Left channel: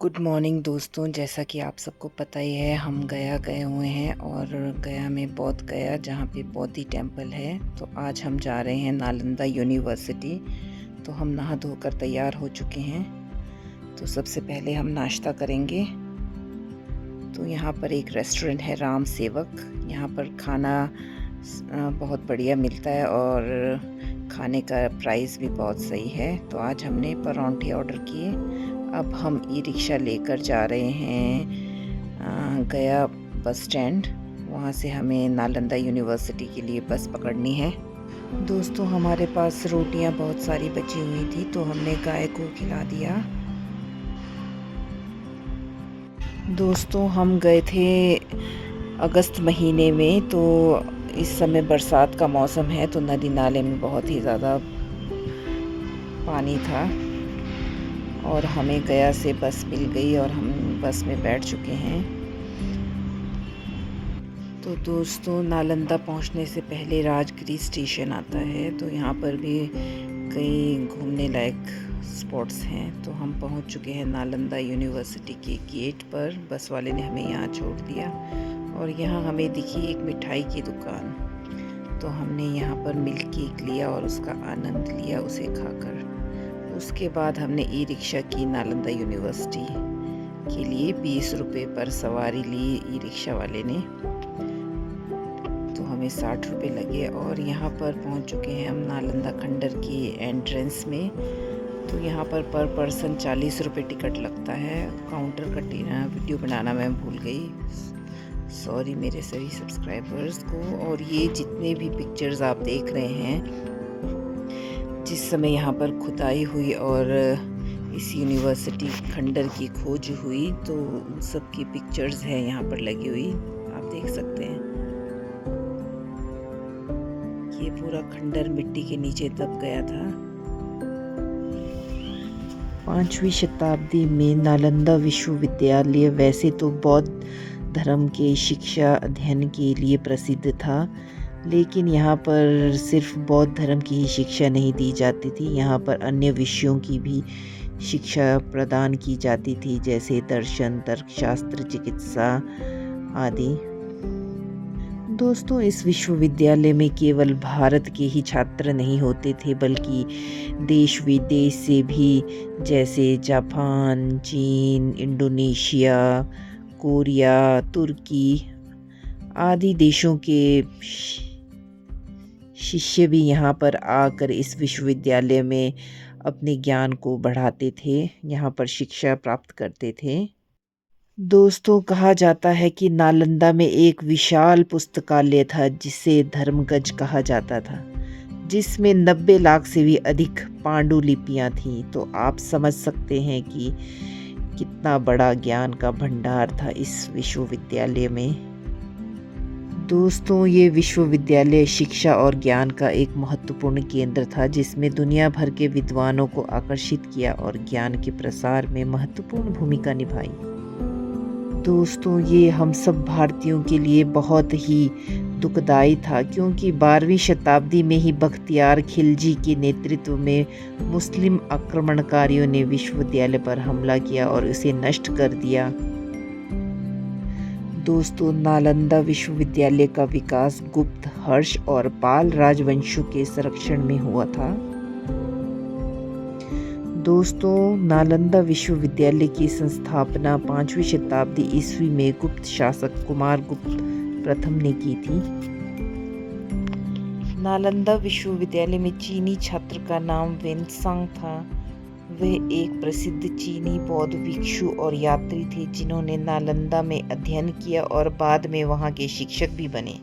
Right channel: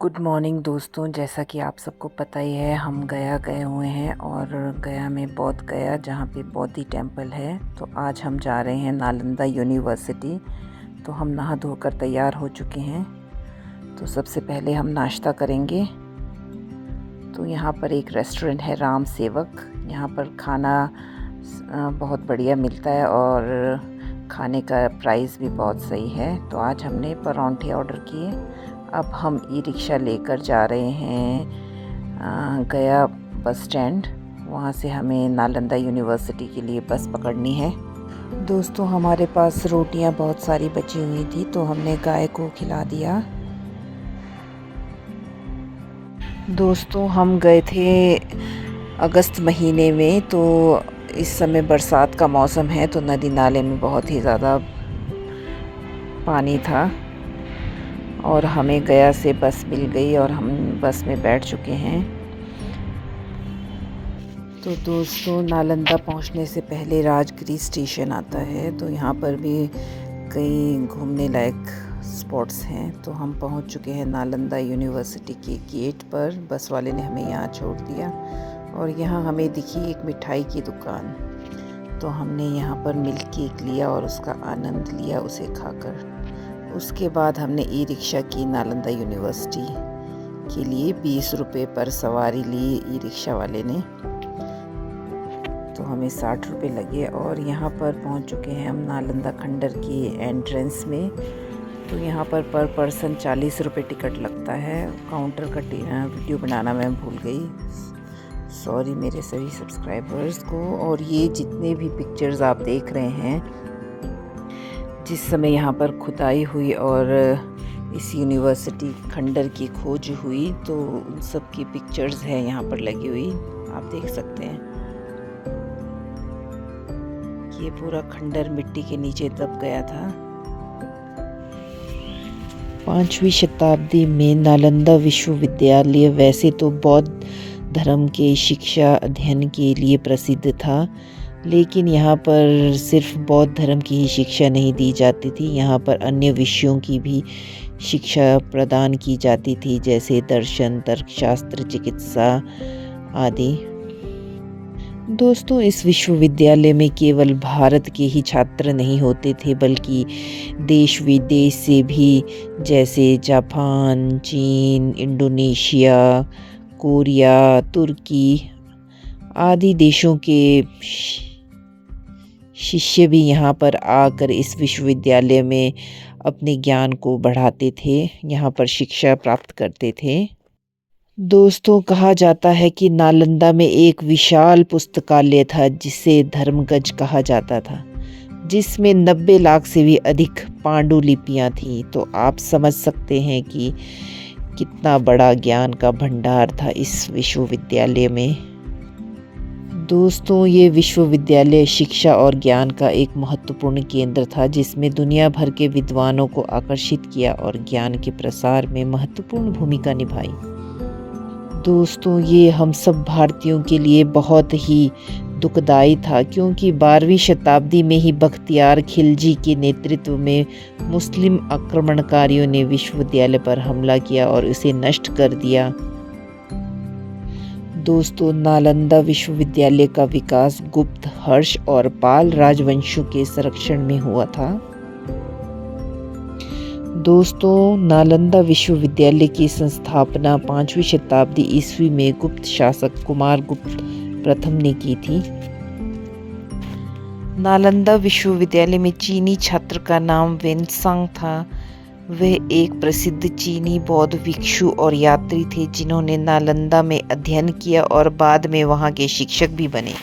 Good morning दोस्तों। जैसा कि आप सबको पता ही है, हम गया गए हुए हैं और गया में बौद्ध गया जहाँ पे बौद्धि टेम्पल है। तो आज हम जा रहे हैं नालंदा यूनिवर्सिटी। तो हम नहा धोकर तैयार हो चुके हैं। तो सबसे पहले हम नाश्ता करेंगे। तो यहाँ पर एक रेस्टोरेंट है राम सेवक। यहाँ पर खाना बहुत बढ़िया मिलता है और खाने का प्राइस भी बहुत सही है। तो आज हमने परांठे ऑर्डर किए। अब हम ई रिक्शा लेकर जा रहे हैं गया बस स्टैंड। वहाँ से हमें नालंदा यूनिवर्सिटी के लिए बस पकड़नी है। दोस्तों, हमारे पास रोटियां बहुत सारी बची हुई थी तो हमने गाय को खिला दिया। दोस्तों, हम गए थे अगस्त महीने में, तो इस समय बरसात का मौसम है तो नदी नाले में बहुत ही ज़्यादा पानी था और हमें गया से बस मिल गई और हम बस में बैठ चुके हैं। तो दोस्तों, नालंदा पहुंचने से पहले राजगिरी स्टेशन आता है। तो यहाँ पर भी कई घूमने लायक स्पॉट्स हैं। तो हम पहुंच चुके हैं नालंदा यूनिवर्सिटी के गेट पर। बस वाले ने हमें यहाँ छोड़ दिया और यहाँ हमें दिखी एक मिठाई की दुकान। तो हमने यहाँ पर मिल्क केक लिया और उसका आनंद लिया उसे खाकर। उसके बाद हमने ई रिक्शा की नालंदा यूनिवर्सिटी के लिए 20 रुपये पर सवारी ली ई रिक्शा वाले ने। तो हमें 60 रुपये लगे और यहाँ पर पहुँच चुके हैं हम नालंदा खंडर की एंट्रेंस में। तो यहाँ पर पर्सन 40 रुपये टिकट लगता है। काउंटर का वीडियो बनाना मैं भूल गई, सॉरी मेरे सभी सब्सक्राइबर्स को। और ये जितने भी पिक्चर्स आप देख रहे हैं, जिस समय यहाँ पर खुदाई हुई और इस यूनिवर्सिटी खंडर की खोज हुई, तो उन सब की पिक्चर्स हैं यहाँ पर लगी हुई, आप देख सकते हैं। ये पूरा खंडर मिट्टी के नीचे दब गया था। 5वीं शताब्दी में नालंदा विश्वविद्यालय वैसे तो बौद्ध धर्म के शिक्षा अध्ययन के लिए प्रसिद्ध था, लेकिन यहाँ पर सिर्फ बौद्ध धर्म की ही शिक्षा नहीं दी जाती थी। यहाँ पर अन्य विषयों की भी शिक्षा प्रदान की जाती थी, जैसे दर्शन, तर्कशास्त्र, चिकित्सा आदि। दोस्तों, इस विश्वविद्यालय में केवल भारत के ही छात्र नहीं होते थे, बल्कि देश विदेश से भी, जैसे जापान, चीन, इंडोनेशिया, कोरिया, तुर्की आदि देशों के शिष्य भी यहाँ पर आकर इस विश्वविद्यालय में अपने ज्ञान को बढ़ाते थे, यहाँ पर शिक्षा प्राप्त करते थे। दोस्तों, कहा जाता है कि नालंदा में एक विशाल पुस्तकालय था जिसे धर्मगज कहा जाता था, जिसमें 90 लाख से भी अधिक पांडुलिपियाँ थीं। तो आप समझ सकते हैं कि कितना बड़ा ज्ञान का भंडार था इस विश्वविद्यालय में। दोस्तों, ये विश्वविद्यालय शिक्षा और ज्ञान का एक महत्वपूर्ण केंद्र था, जिसमें दुनिया भर के विद्वानों को आकर्षित किया और ज्ञान के प्रसार में महत्वपूर्ण भूमिका निभाई। दोस्तों, ये हम सब भारतीयों के लिए बहुत ही दुखदाई था, क्योंकि 12वीं शताब्दी में ही बख्तियार खिलजी के नेतृत्व में मुस्लिम आक्रमणकारियों ने विश्वविद्यालय पर हमला किया और उसे नष्ट कर दिया। दोस्तों, नालंदा विश्वविद्यालय का विकास गुप्त, हर्ष और पाल राजवंशों के संरक्षण में हुआ था। दोस्तों, नालंदा विश्वविद्यालय की संस्थापना 5वीं शताब्दी ईस्वी में गुप्त शासक कुमारगुप्त प्रथम ने की थी। नालंदा विश्वविद्यालय में चीनी छात्र का नाम वेनसांग था। वह एक प्रसिद्ध चीनी बौद्ध भिक्षु और यात्री थे, जिन्होंने नालंदा में अध्ययन किया और बाद में वहां के शिक्षक भी बने।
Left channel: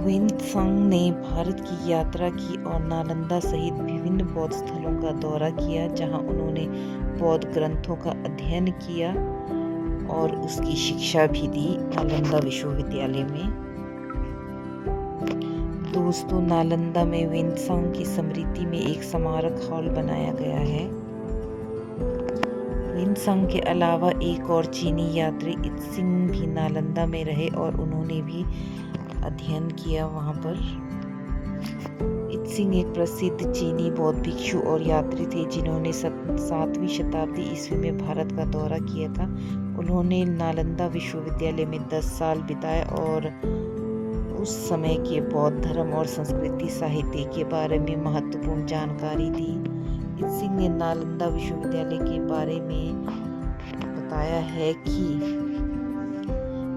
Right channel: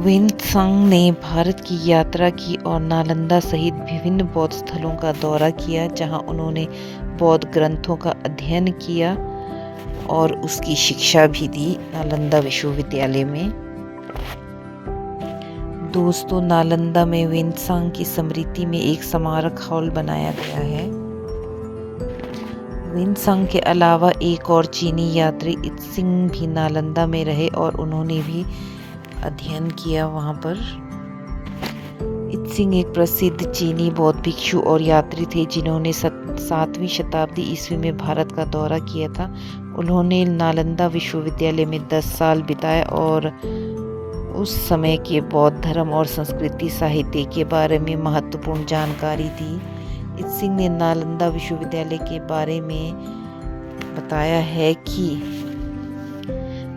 वेनसांग ने भारत की यात्रा की और नालंदा सहित विभिन्न बौद्ध स्थलों का दौरा किया, जहां उन्होंने बौद्ध ग्रंथों का अध्ययन किया और उसकी शिक्षा भी दी नालंदा विश्वविद्यालय में। दोस्तों, नालंदा में वेनसांग की स्मृति में एक स्मारक हॉल बनाया गया है। वेनसांग के अलावा एक और चीनी यात्री इत्सिंग भी नालंदा में रहे और उन्होंने भी अध्ययन किया वहाँ पर। इत्सिंग एक प्रसिद्ध चीनी बौद्ध भिक्षु और यात्री थे जिन्होंने 7वीं शताब्दी ईस्वी में भारत का दौरा किया था। उन्होंने नालंदा विश्वविद्यालय में 10 साल बिताए और उस समय के बौद्ध धर्म और संस्कृति साहित्य के बारे में महत्वपूर्ण जानकारी दी। इत्सिंग ने नालंदा विश्वविद्यालय के बारे में बताया है कि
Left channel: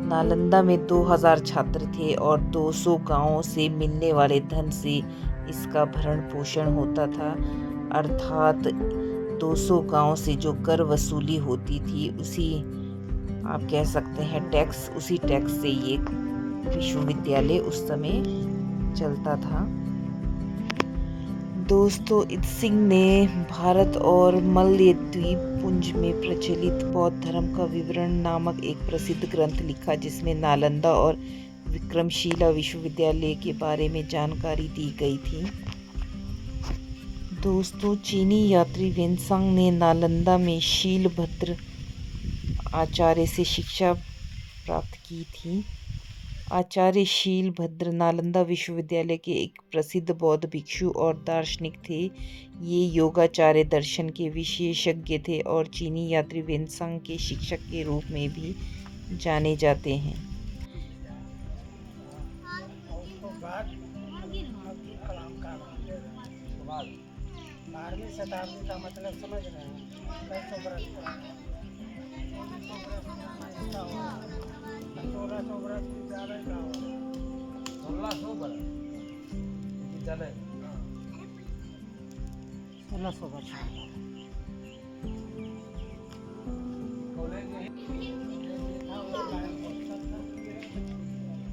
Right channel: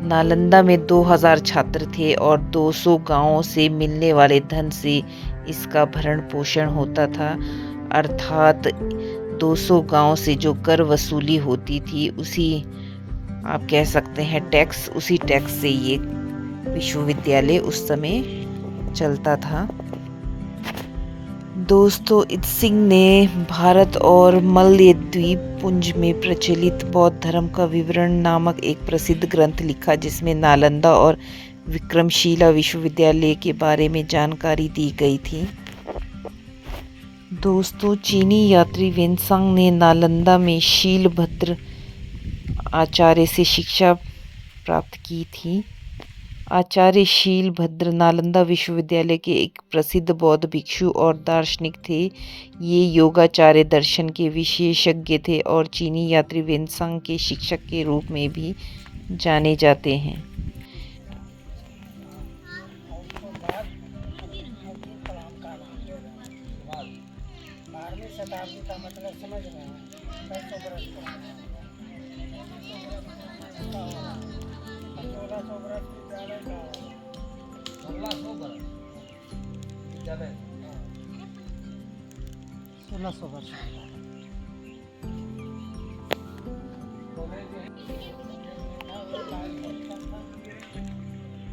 नालंदा में 2000 छात्र थे और 200 गांवों से मिलने वाले धन से इसका भरण पोषण होता था, अर्थात 200 गांवों से जो कर वसूली होती थी उसी आप कह सकते हैं टैक्स, उसी टैक्स से ये विश्वविद्यालय उस समय चलता था। दोस्तों, इत्सिंग ने भारत और मलय द्वीप पुंज में प्रचलित बौद्ध धर्म का विवरण नामक एक प्रसिद्ध ग्रंथ लिखा जिसमें नालंदा और विक्रमशिला विश्वविद्यालय के बारे में जानकारी दी गई थी। दोस्तों, चीनी यात्री वेनसांग ने नालंदा में शीलभद्र आचार्य से शिक्षा प्राप्त की थी। आचार्य शीलभद्र नालंदा विश्वविद्यालय के एक प्रसिद्ध बौद्ध भिक्षु और दार्शनिक थे। ये योगाचार्य दर्शन के विशेषज्ञ थे और चीनी यात्री वेनसांग के शिक्षक के रूप में भी जाने जाते हैं। शताब्दी का मतलब समझ रहे हैं, 600 बरस पुराना, 1400 बरस विद्यालय का होगा, 1600 बरस विद्यालय, 1600 वर्ष कॉलेज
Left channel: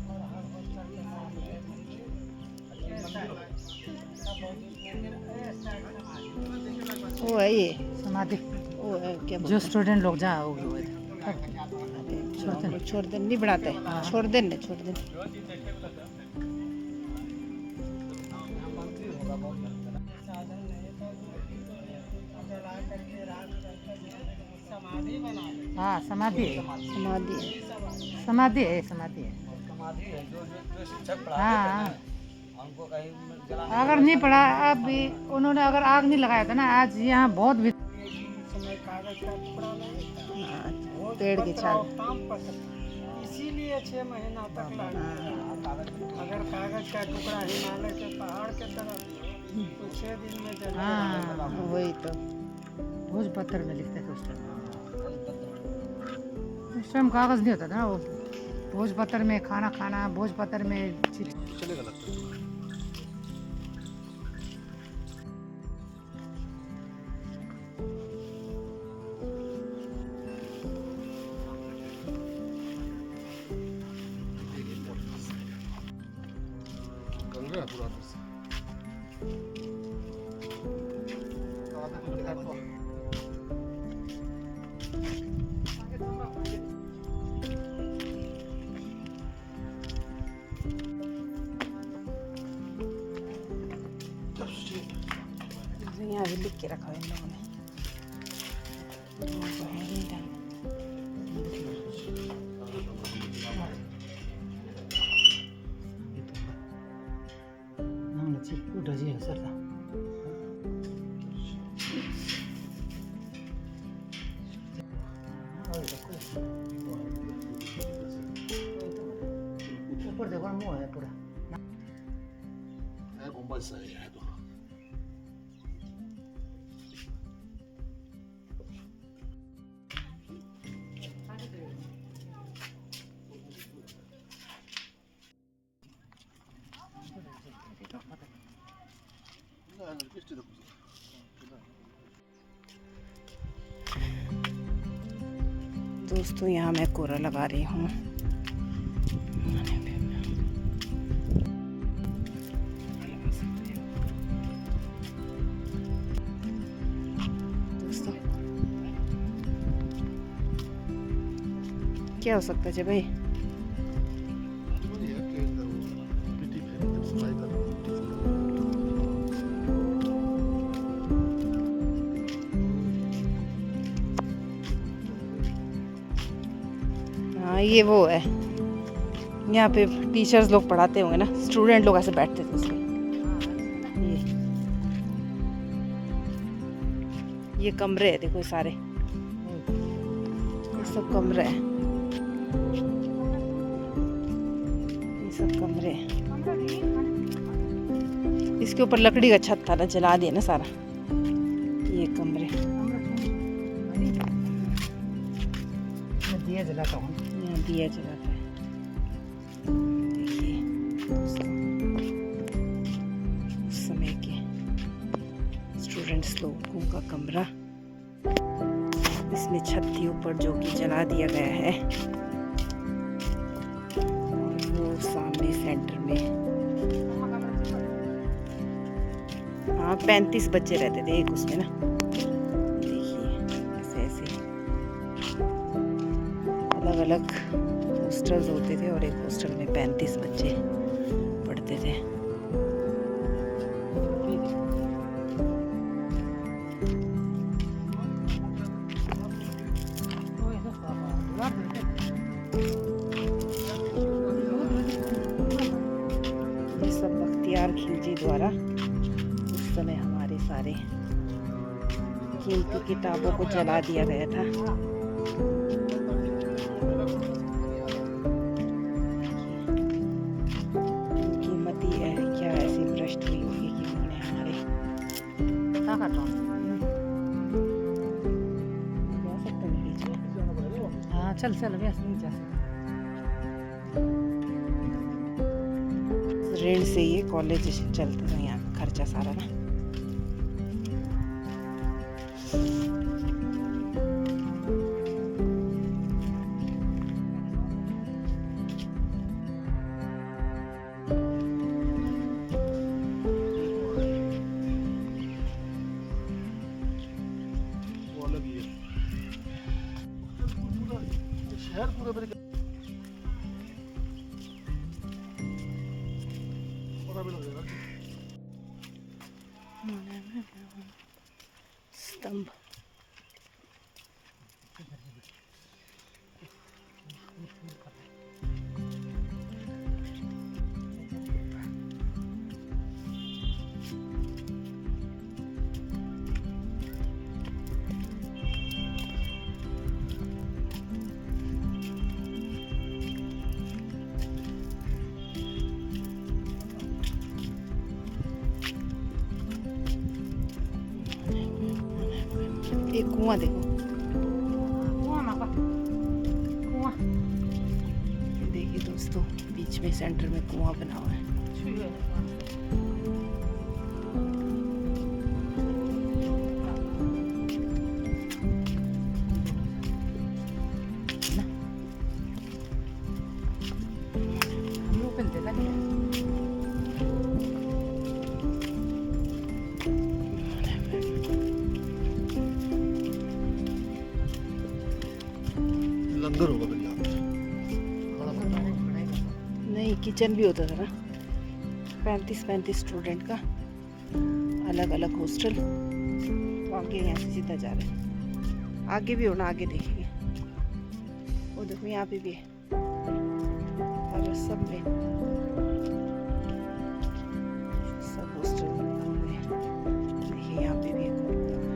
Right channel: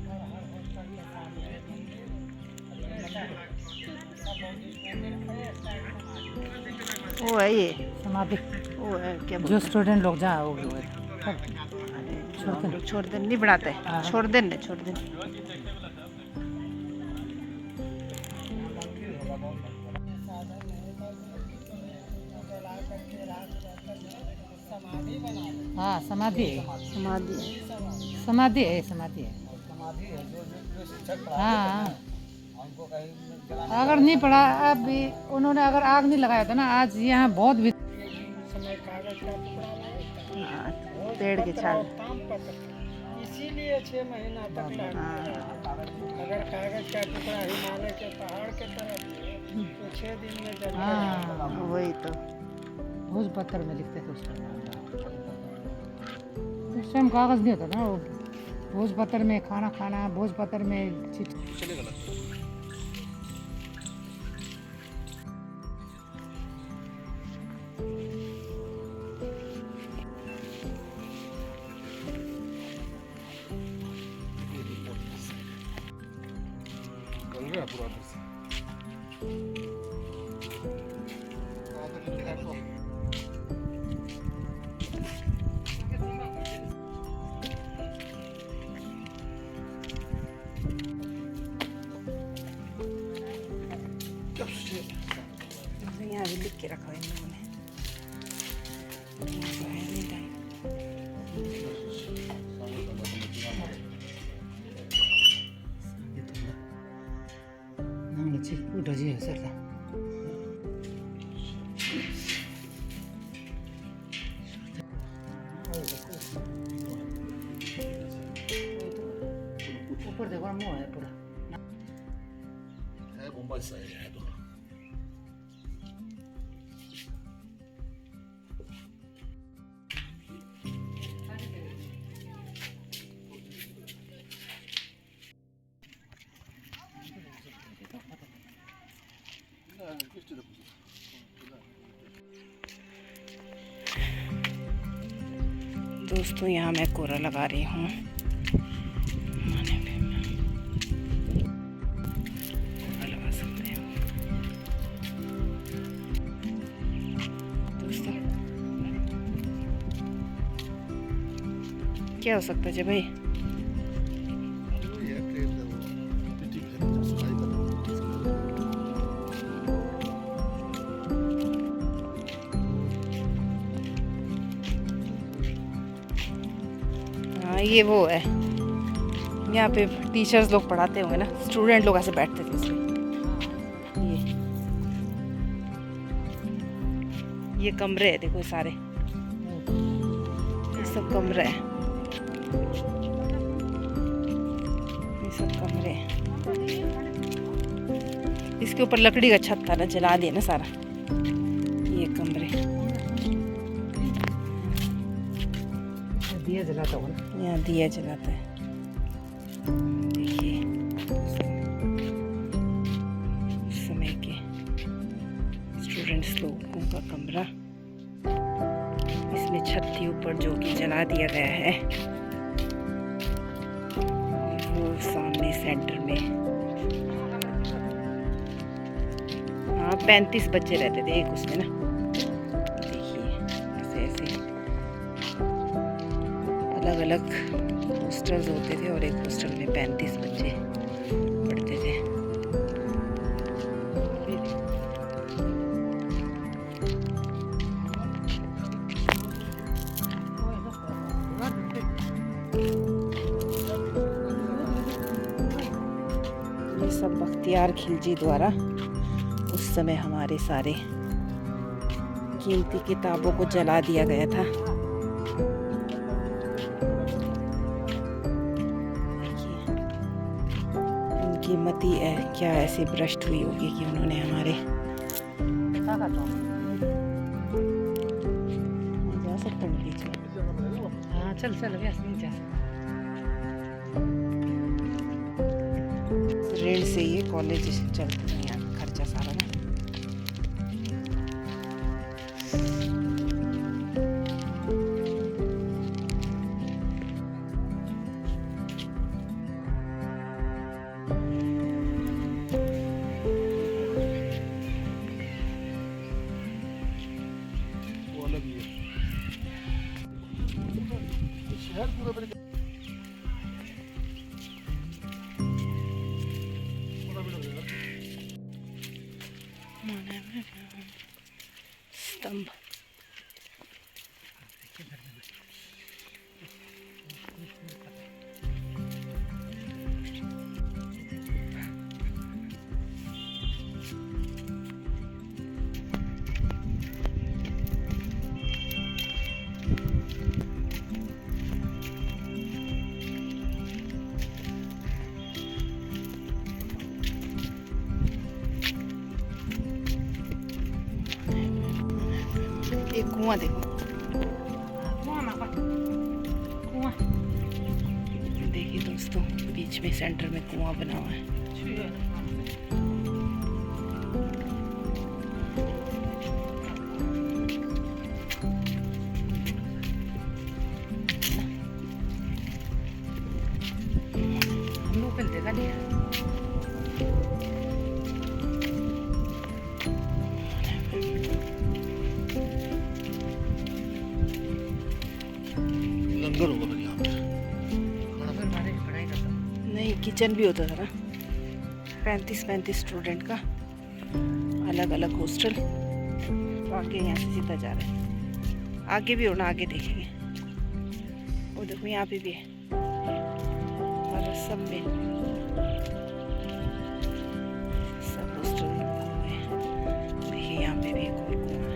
और हर हॉस्टल के सामने वो है ये समाधि, वो है क्या जो स्टूडेंट लोग जहाँ हो गए छोड़ दे नहीं बनाते, छोड़ दे न छोड़ दे। हाँ, समाधि है, समाधि समाधि है, समाधि है, हाँ। अगर नहीं पढ़ा अभी उन्होंने, अगर आग नहीं लगाया था ना आज यहाँ बहुत कागज का टुकड़ा पेड़ के छाल, इसीलिए 6 महीना तक लगता है। अगर कागज का टुकड़ा हिमालय के पहाड़ के तरफ तो 6 दिन में जल जाएगा। वही तो भोज पत्थर में लिखते थे उस टाइम कागज नहीं होता ना, वो भोज पत्थर में खाना खाना, भोज पत्थर में यहाँ भी लिख के रखा है इन लोगों ने। उठा जी है सर ऊपर देखो मुँह है पूरा दोस्तों, यहाँ मैं कोरा लगा रही हूँ। लगा सकते हैं दोस्तों, क्या हो सकता है भाई? हाँ, ये वो है, यहाँ पे टीचर्स लोग पढ़ाते होंगे ना, स्टूडेंट लोग ऐसे बैठते थे इसलिए। ये ये कमरे है, देखो सारे, ये सब कमरे हैं, ये सब कमरे हैं। इसके ऊपर लकड़ी का छत था ना, जला दिया ना सारा। ये कमरे, दिया जलाता हूँ। यहाँ दिया जलाता है। देखिए उस समय के स्टूडेंट्स लोगों का कमरा, इसमें छत थी ऊपर जो कि जला दिया गया है। और वो सामने सेंटर में, हाँ 35 बच्चे रहते थे एक उसमें ना। देखिए ऐसे ऐसे अलग अलग हॉस्टल्स होते थे और एक हॉस्टल में 35 बच्चे पढ़ते थे। ये सब बख्तियार खिलजी द्वारा उस समय हमारे सारे कीमती किताबों को जला दिया गया था। उनकी मति क्या ऐसी भ्रष्ट हुई होगी कि उन्होंने हमारे, क्या करता हूँ? जा सकते हैं। हाँ चल चल गया नहीं जा सकता। ऋण से ये कॉलेज चलते हैं, यहाँ खर्चा सारा ना। स्तंभ, एक कुआं देखो, देखिए दोस्तों, बीच में सेंटर में कुआं बना हुआ है। देखा नहीं है। लंगर होगा फिर यहाँ पे। पढ़ाई करता हूँ। नहीं, किचन भी होता था ना। 35 स्टूडेंट का अलग अलग हॉस्टल। तो आगे यहाँ से सीधा जा रहे हैं, आगे भी होना, आगे देखेंगे। वो देखो यहाँ पे भी है, और सब में सब हॉस्टल में। देखिए यहाँ पे भी एक और कुआं है।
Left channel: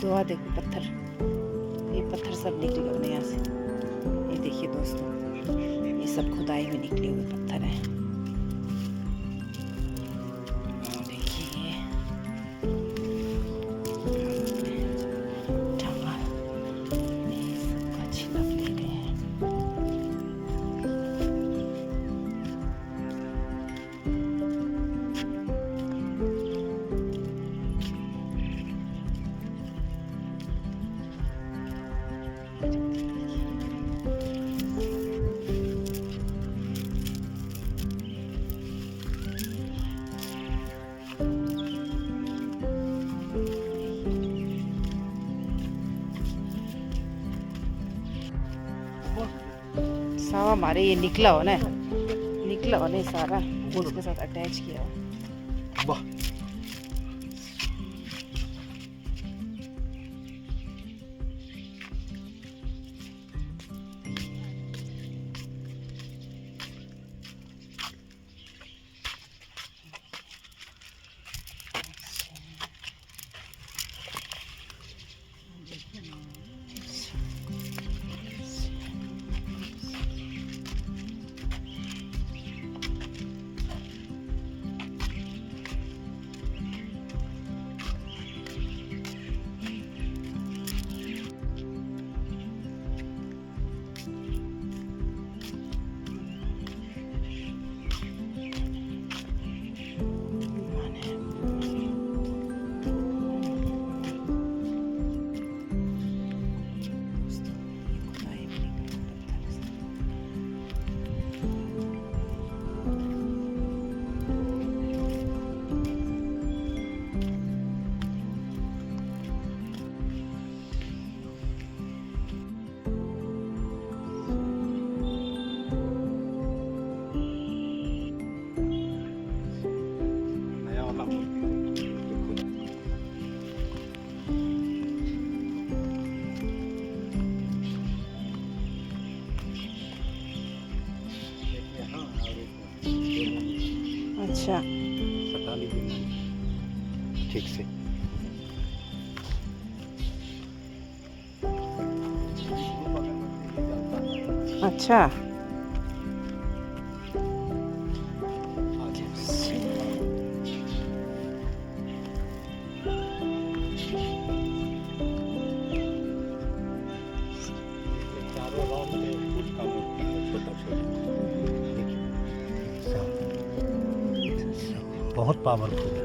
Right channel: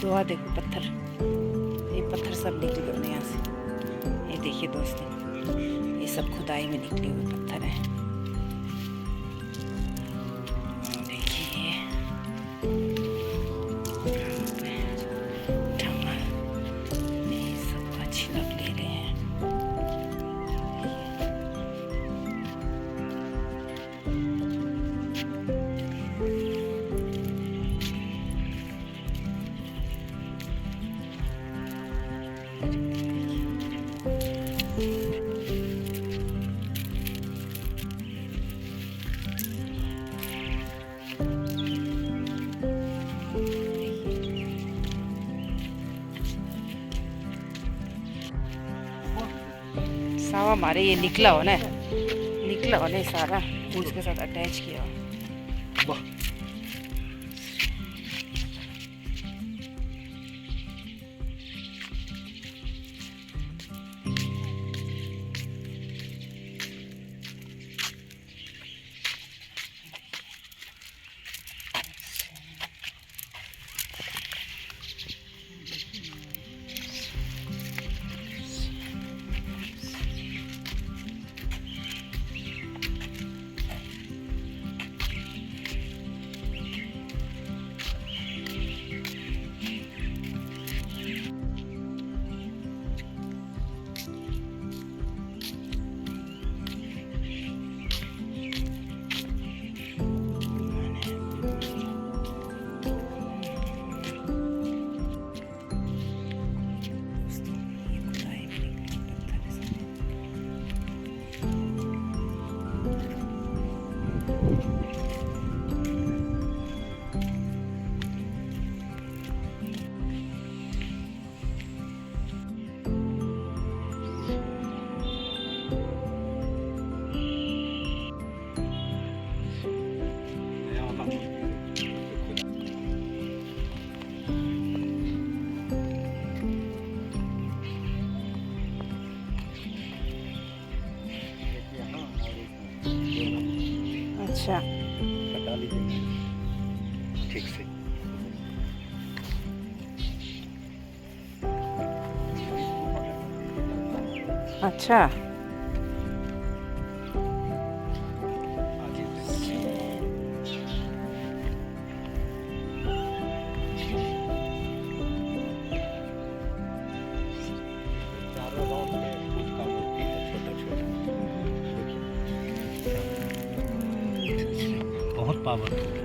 दुआ देखो, पत्थर, ये पत्थर सब निकले हुए यहाँ से। ये देखिए दोस्तों, ये सब खुदाई में निकले हुए पत्थर हैं। देखिए टमाटर, ये सबका छिलक ले रहे हैं। सावा मारे ये निकला हो ना। निकला और नहीं सारा उसके साथ अटैच किया हो। वाह अच्छा सटा लीजिए ठीक से। अच्छा चारों राउंड में कुछ का मूर्ति है छोटा छोटा, देखिए बहुत पावरफुल है।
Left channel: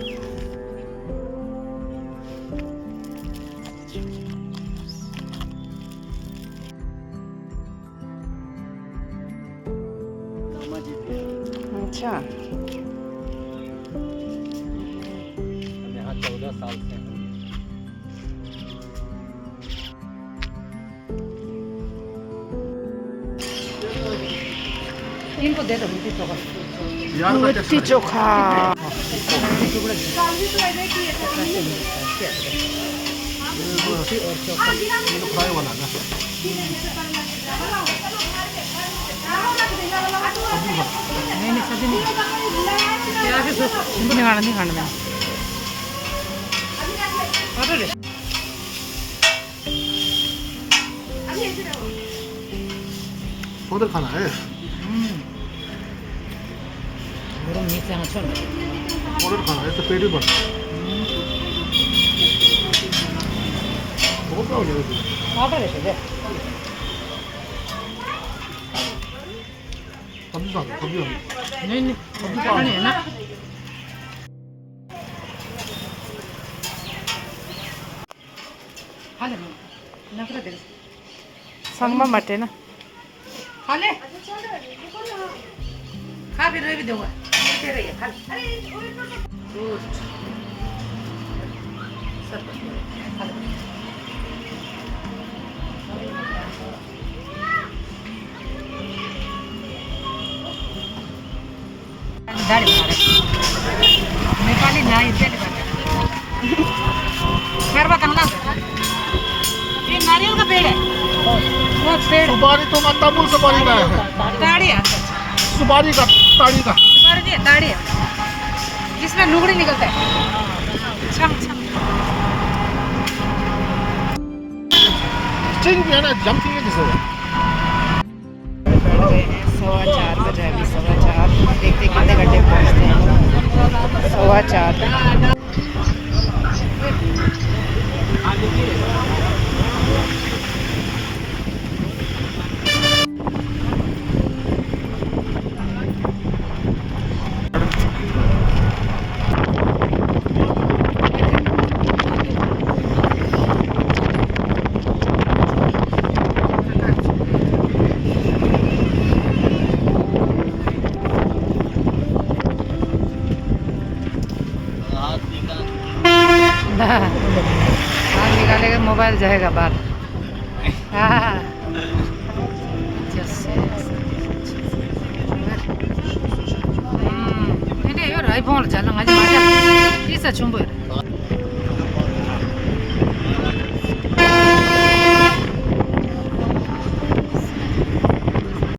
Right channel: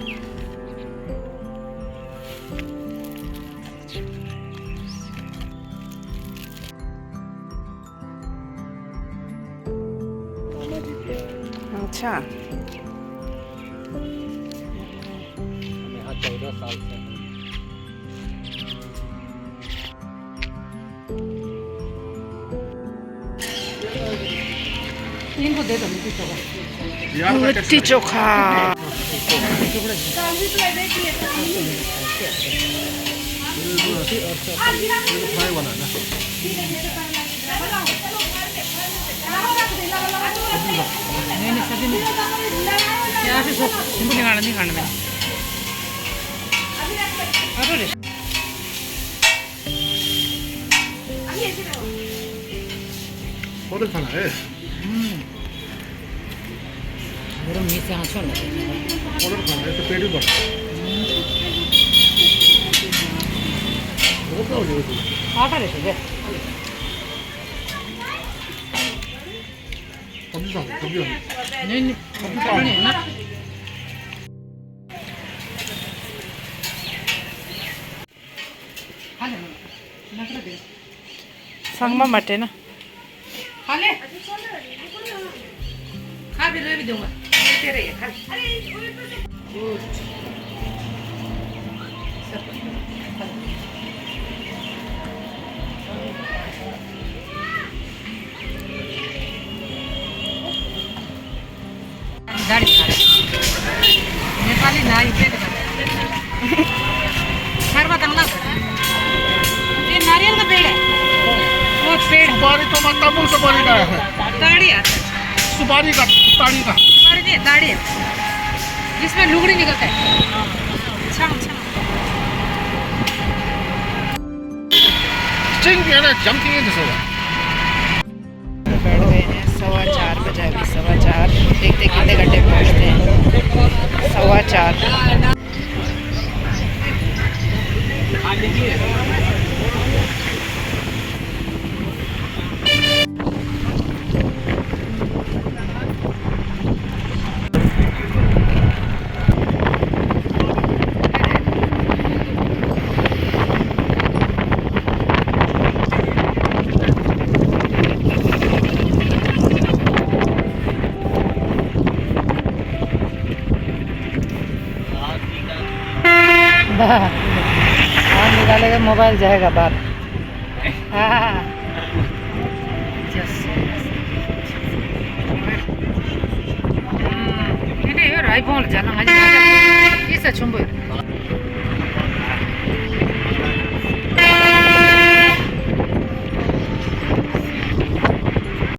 मामा जी थे अच्छा हम यहाँ 14 साल से हैं। इनको दे दो लिट्टी चोखा। फ्राई वाला ना नहीं सब्जी नहीं नहीं खाना मैंने उधर खाना है गरम नहीं से आँचो ना उधर खाना है तो पेट ही बढ़ा बहुत हो जाएगा। आटा लेते थे सब्जी खा सब्जी खा नहीं नहीं सब्जी खानी है ना खा ले नखरा दे संगमा मटे ना खा ले खा फिर भी दूंगा तेरे ये खा ले गुड सब खा ले दाढ़ी बना रहे नेपाली नारी पेट बना खरवा करना ये नारियल का पेड़ है वो पेड़ सुपारी तो मत तमुल सुपारी का है दाढ़ी है सुपारी का ताड़ी का सुपारी नहीं दाढ़ी है जिसमें लुगड़ी निकलता है छम छम चिंग है ना जमती है जैसे बैठ गए हैं 4:15 बजे, अभी 4:15। देखते कितने घंटे में पहुँचते हैं। 4:15। हाथ निकालेगा मोबाइल जाएगा बाहर हाँ 아이폰을 자랑 하지 마자. 있어 충분히.